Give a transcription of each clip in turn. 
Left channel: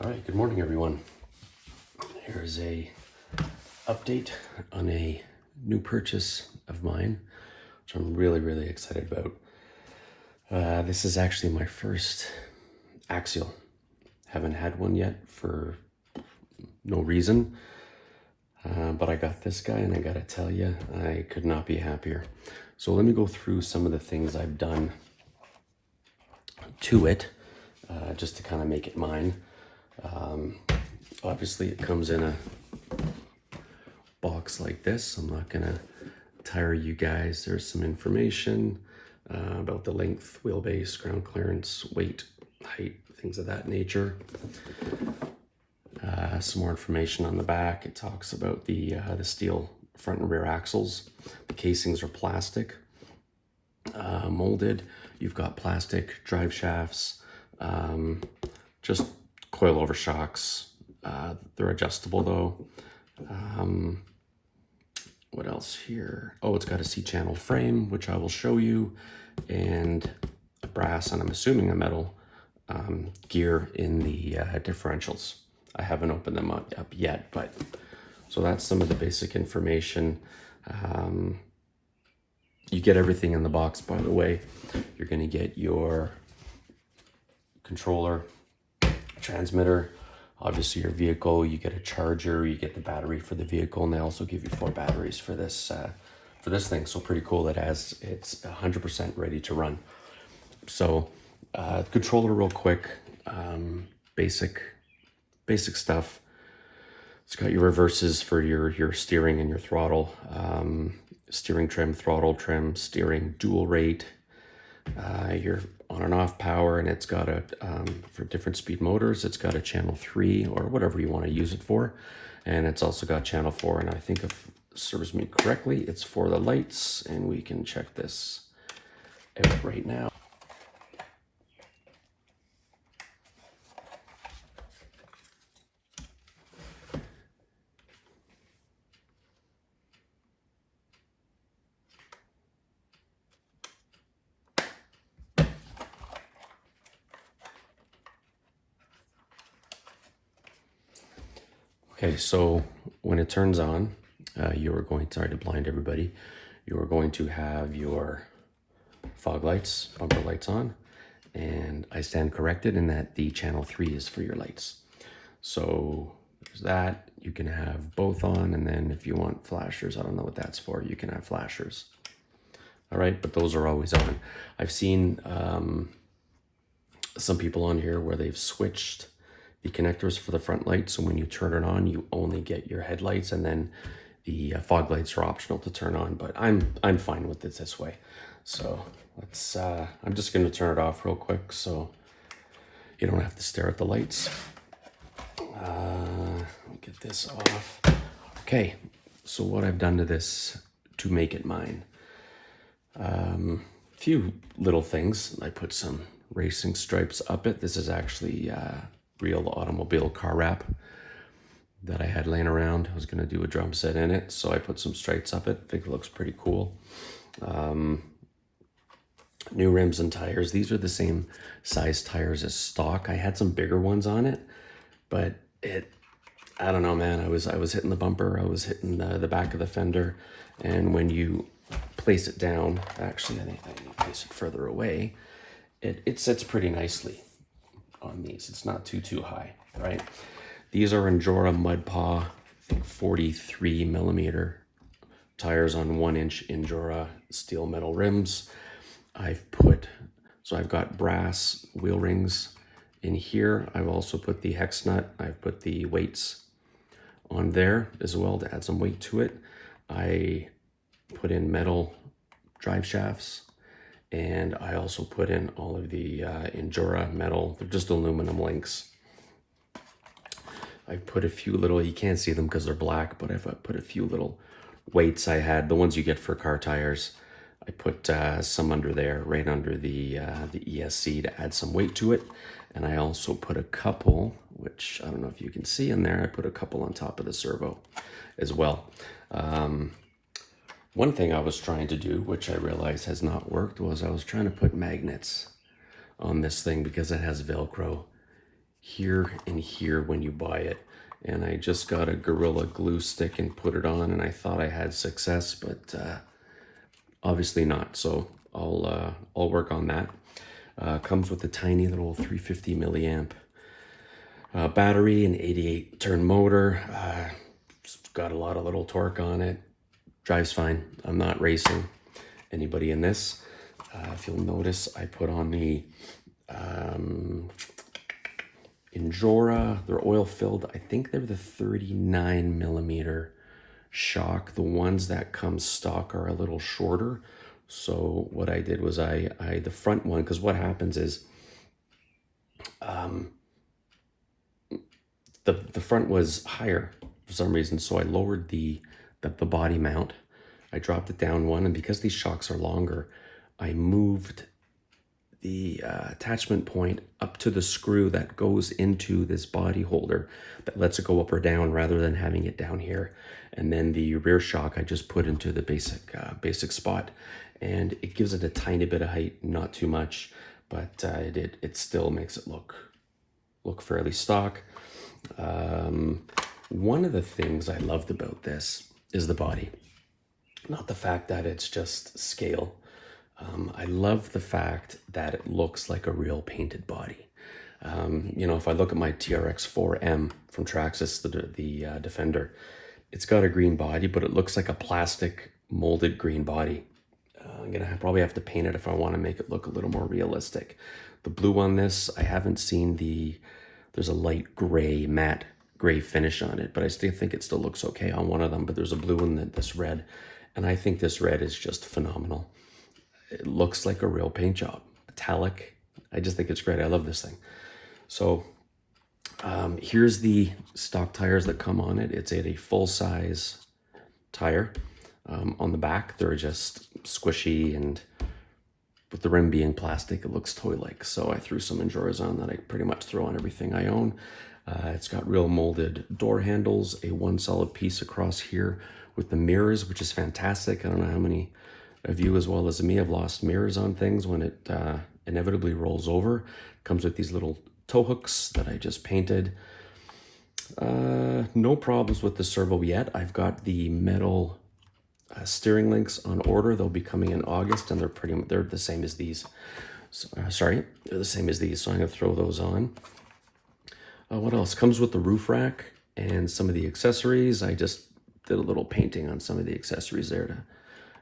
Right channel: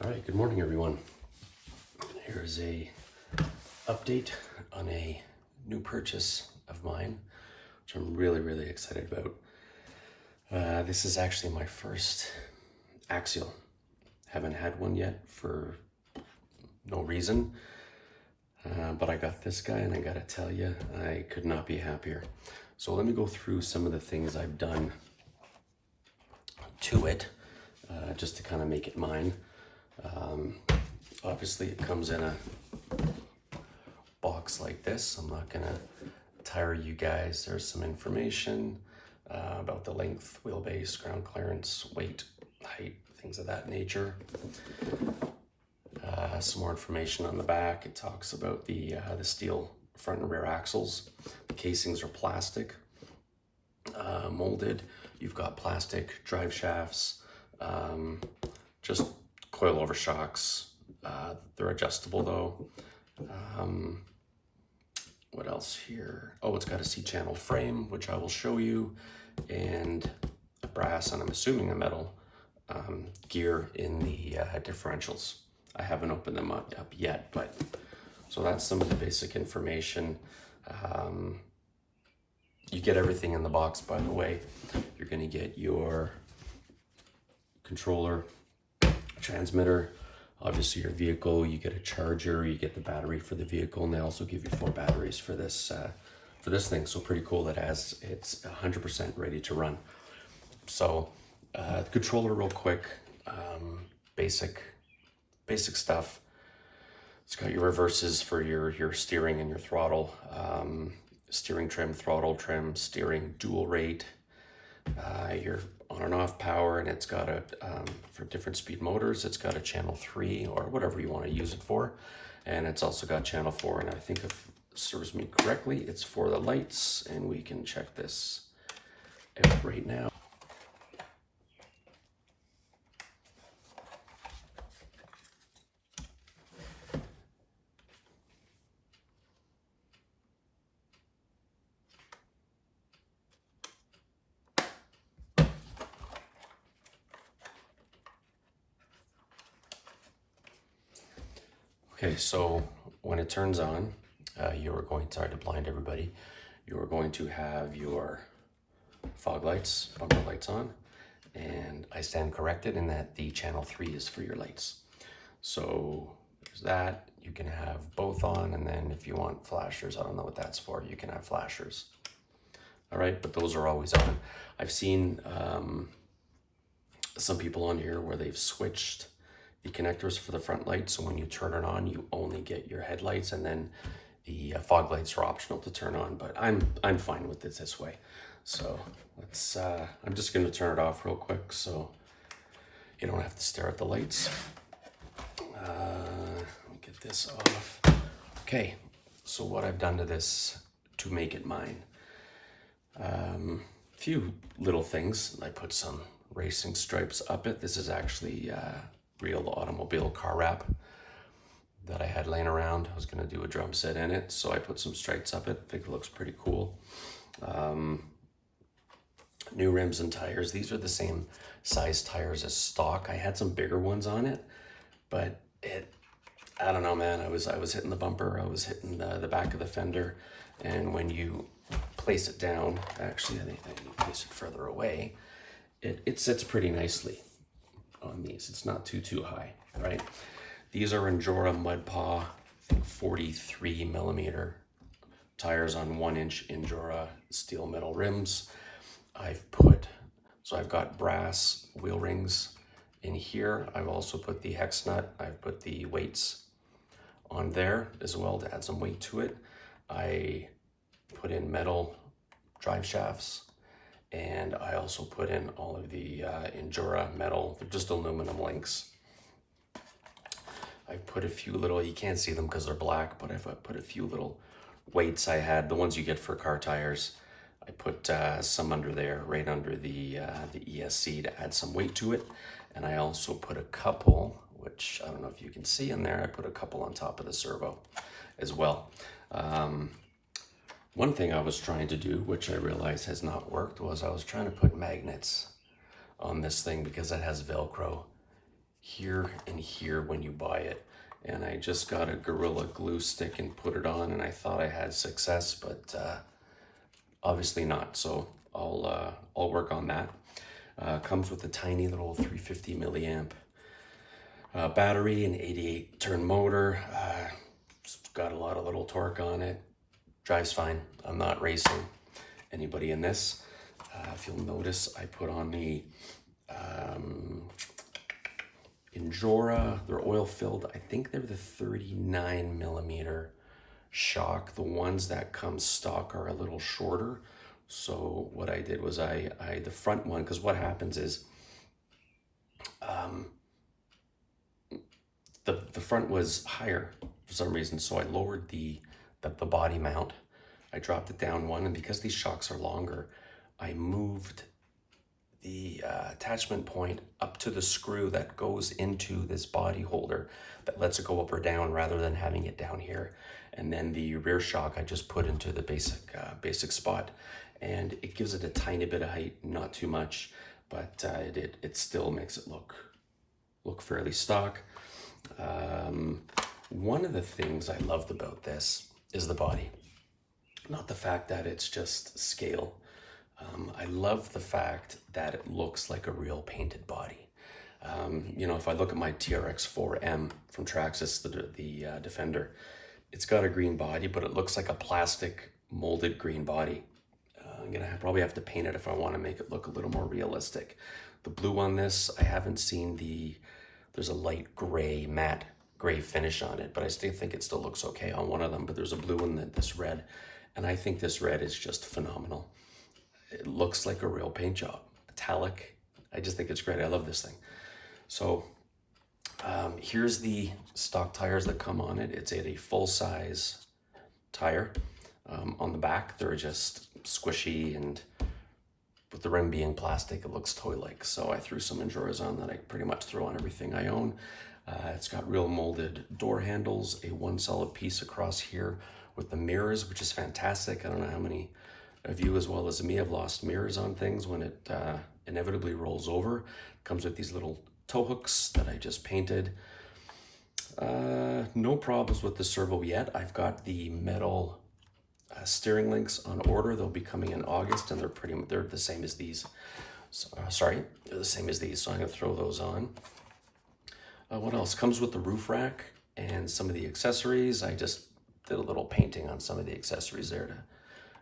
All right, good morning, everyone. Here's a update on a new purchase of mine, which I'm really excited about. This is actually my first Axial. Haven't had one yet for no reason, but I got this guy, and I gotta tell you, I could not be happier. So let me go through some of the things I've done to it, just to kind of make it mine. Obviously, it comes in a box like this. I'm not gonna tire you guys. There's some information about the length, wheelbase, ground clearance, weight, height, things of that nature. Some more information on the back. It talks about the steel front and rear axles. The casings are plastic, molded. You've got plastic drive shafts, just coilover shocks. They're adjustable though. What else here? Oh, it's got a C-channel frame, which I will show you, and a brass, and I'm assuming a metal gear in the differentials. I haven't opened them up yet, but so that's some of the basic information. You get everything in the box, by the way. You're going to get your controller, transmitter, obviously your vehicle, you get a charger, you get the battery for the vehicle, and they also give you 4 batteries for this thing. So pretty cool that it's 100% ready to run. So the controller real quick, basic stuff. It's got your reverses for your steering and your throttle, steering trim, throttle trim, steering dual rate, your on and off power, and it's got a, for different speed motors, it's got a channel 3 or whatever you want to use it for. And it's also got channel 4, and I think if it serves me correctly, it's for the lights, and we can check this out right now. Okay, so when it turns on, you are going to, sorry to blind everybody, you are going to have your fog lights, bumper lights on, and I stand corrected in that the channel 3 is for your lights. So there's that. You can have both on, and then if you want flashers, I don't know what that's for, you can have flashers. All right, but those are always on. I've seen some people on here where they've switched the connectors for the front lights, so when you turn it on, you only get your headlights, and then the fog lights are optional to turn on. But I'm fine with it this way. So let's. I'm just going to turn it off real quick, so you don't have to stare at the lights. Let me get this off. Okay, so what I've done to this to make it mine. Few little things. I put some racing stripes up it. This is actually real automobile car wrap that I had laying around. I was going to do a drum set in it, so I put some stripes up it. I think it looks pretty cool. New rims and tires. These are the same size tires as stock. I had some bigger ones on it, but I don't know, man. I was hitting the bumper, I was hitting the back of the fender, and when you place it down, actually I think I need to place it further away, it sits pretty nicely on these. It's not too high, right? These are Endura Mud Paw, I think 43 millimeter tires on 1-inch Endura steel metal rims. I've got brass wheel rings in here. I've also put the hex nut. I've put the weights on there as well to add some weight to it. I put in metal drive shafts, and I also put in all of the Endura metal. They're just aluminum links. I've put a few little, you can't see them because they're black, but I've put a few little weights I had, the ones you get for car tires. I put some under there, right under the ESC to add some weight to it. And I also put a couple, which I don't know if you can see in there, I put a couple on top of the servo as well. One thing I was trying to do, which I realized has not worked, was I was trying to put magnets on this thing because it has Velcro here and here when you buy it. And I just got a Gorilla Glue stick and put it on, and I thought I had success, but obviously not. So I'll work on that. Comes with a tiny little 350 milliamp battery, an 88 turn motor. It's got a lot of little torque on it. Drives fine. I'm not racing anybody in this. If you'll notice, I put on the Injora. They're oil filled. I think they're the 39 millimeter shock. The ones that come stock are a little shorter. So what I did was the front one, because what happens is the front was higher for some reason, so I lowered the body mount. I dropped it down one, and because these shocks are longer, I moved the attachment point up to the screw that goes into this body holder that lets it go up or down rather than having it down here. And then the rear shock I just put into the basic spot, and it gives it a tiny bit of height, not too much, but it still makes it look fairly stock. One of the things I loved about this is the body, not the fact that it's just scale. I love the fact that it looks like a real painted body. You know, if I look at my TRX-4M from Traxxas, the Defender, it's got a green body, but it looks like a plastic molded green body. I'm gonna probably have to paint it if I want to make it look a little more realistic. The blue on this, I haven't seen there's a light gray, matte gray finish on it, but I still think it still looks okay on one of them. But there's a blue and this red, and I think this red is just phenomenal. It looks like a real paint job, metallic. I just think it's great. I love this thing. So here's the stock tires that come on it. It's a full-size tire. On the back, they're just squishy, and with the rim being plastic, it looks toy-like. So I threw some Injoras on that I pretty much throw on everything I own. It's got real molded door handles, a one solid piece across here with the mirrors, which is fantastic. I don't know how many of you as well as me have lost mirrors on things when it inevitably rolls over. Comes with these little tow hooks that I just painted. No problems with the servo yet. I've got the metal steering links on order. They'll be coming in August, and they're the same as these. So, they're the same as these, so I'm gonna throw those on. What else? Comes with the roof rack and some of the accessories. I just did a little painting on some of the accessories there to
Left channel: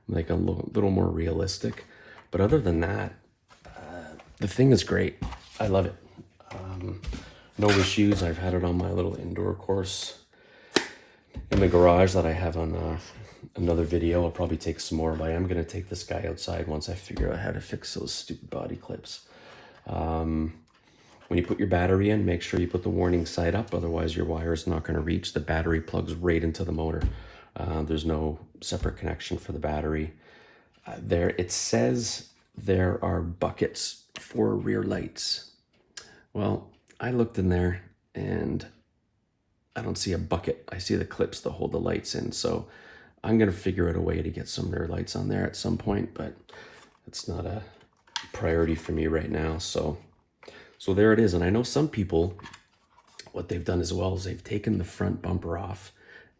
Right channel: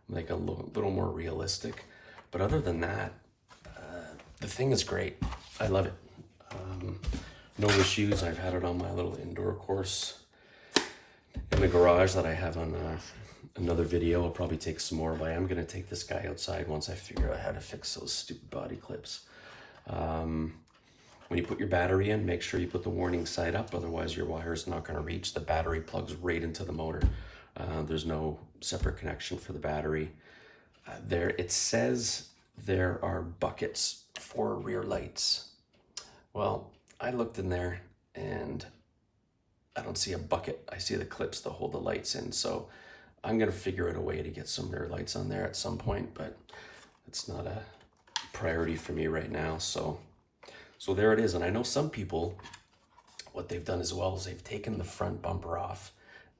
make it a little more realistic. But other than that, the thing is great. I love it. No issues. I've had it on my little indoor course in the garage that I have on another video. I'll probably take some more, but I am going to take this guy outside once I figure out how to fix those stupid body clips. When you put your battery in, make sure you put the warning side up, otherwise your wire is not going to reach. The battery plugs right into the motor. There's no separate connection for the battery. It says there are buckets for rear lights. Well, I looked in there and I don't see a bucket. I see the clips that hold the lights in. So I'm going to figure out a way to get some rear lights on there at some point, but it's not a priority for me right now. So there it is. And I know some people, what they've done as well is they've taken the front bumper off,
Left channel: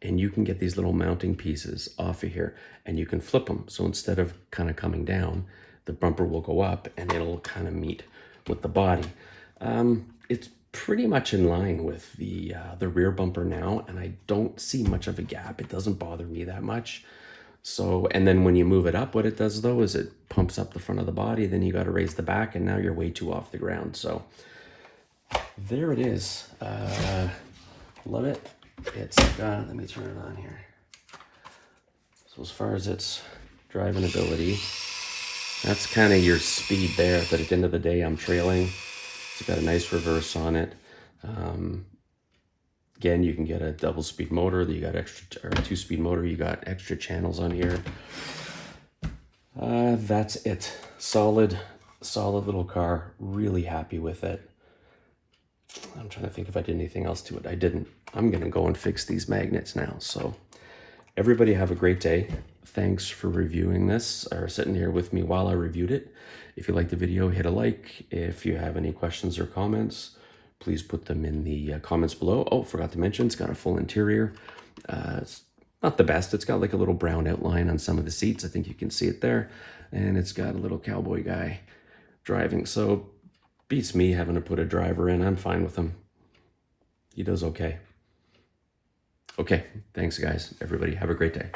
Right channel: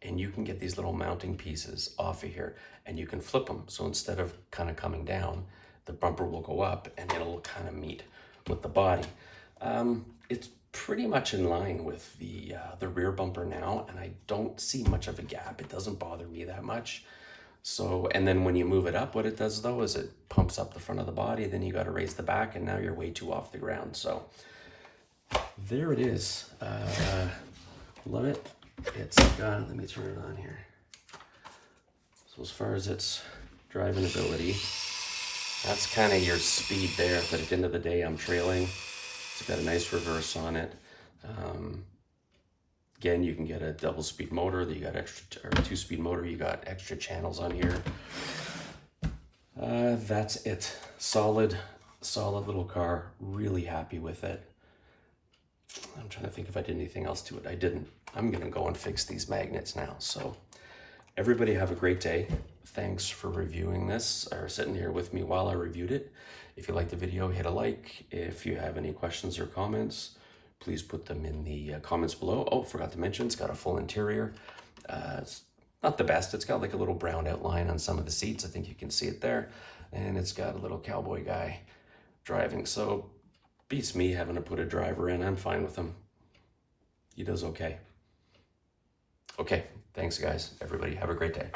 and you can get these little mounting pieces off of here and you can flip them. So instead of kind of coming down, the bumper will go up and it'll kind of meet with the body. It's pretty much in line with the rear bumper now, and I don't see much of a gap. It doesn't bother me that much. So, and then when you move it up, what it does though is it pumps up the front of the body, then you got to raise the back, and now you're way too off the ground. So there it is. Love it. It's let me turn it on here. So as far as its driving ability, that's kind of your speed there. But at the end of the day, I'm trailing. It's got a nice reverse on it. Again, you can get a double speed motor. You got extra, or a 2-speed motor. You got extra channels on here. That's it. Solid little car. Really happy with it. I'm trying to think if I did anything else to it. I didn't. I'm gonna go and fix these magnets now. So everybody have a great day. Thanks for reviewing this or sitting here with me while I reviewed it. If you liked the video, hit a like. If you have any questions or comments, please put them in the comments below. Oh, forgot to mention, it's got a full interior. It's not the best. It's got like a little brown outline on some of the seats. I think you can see it there. And it's got a little cowboy guy driving. So beats me having to put a driver in. I'm fine with him. He does okay. Okay, thanks guys. Everybody have a great day.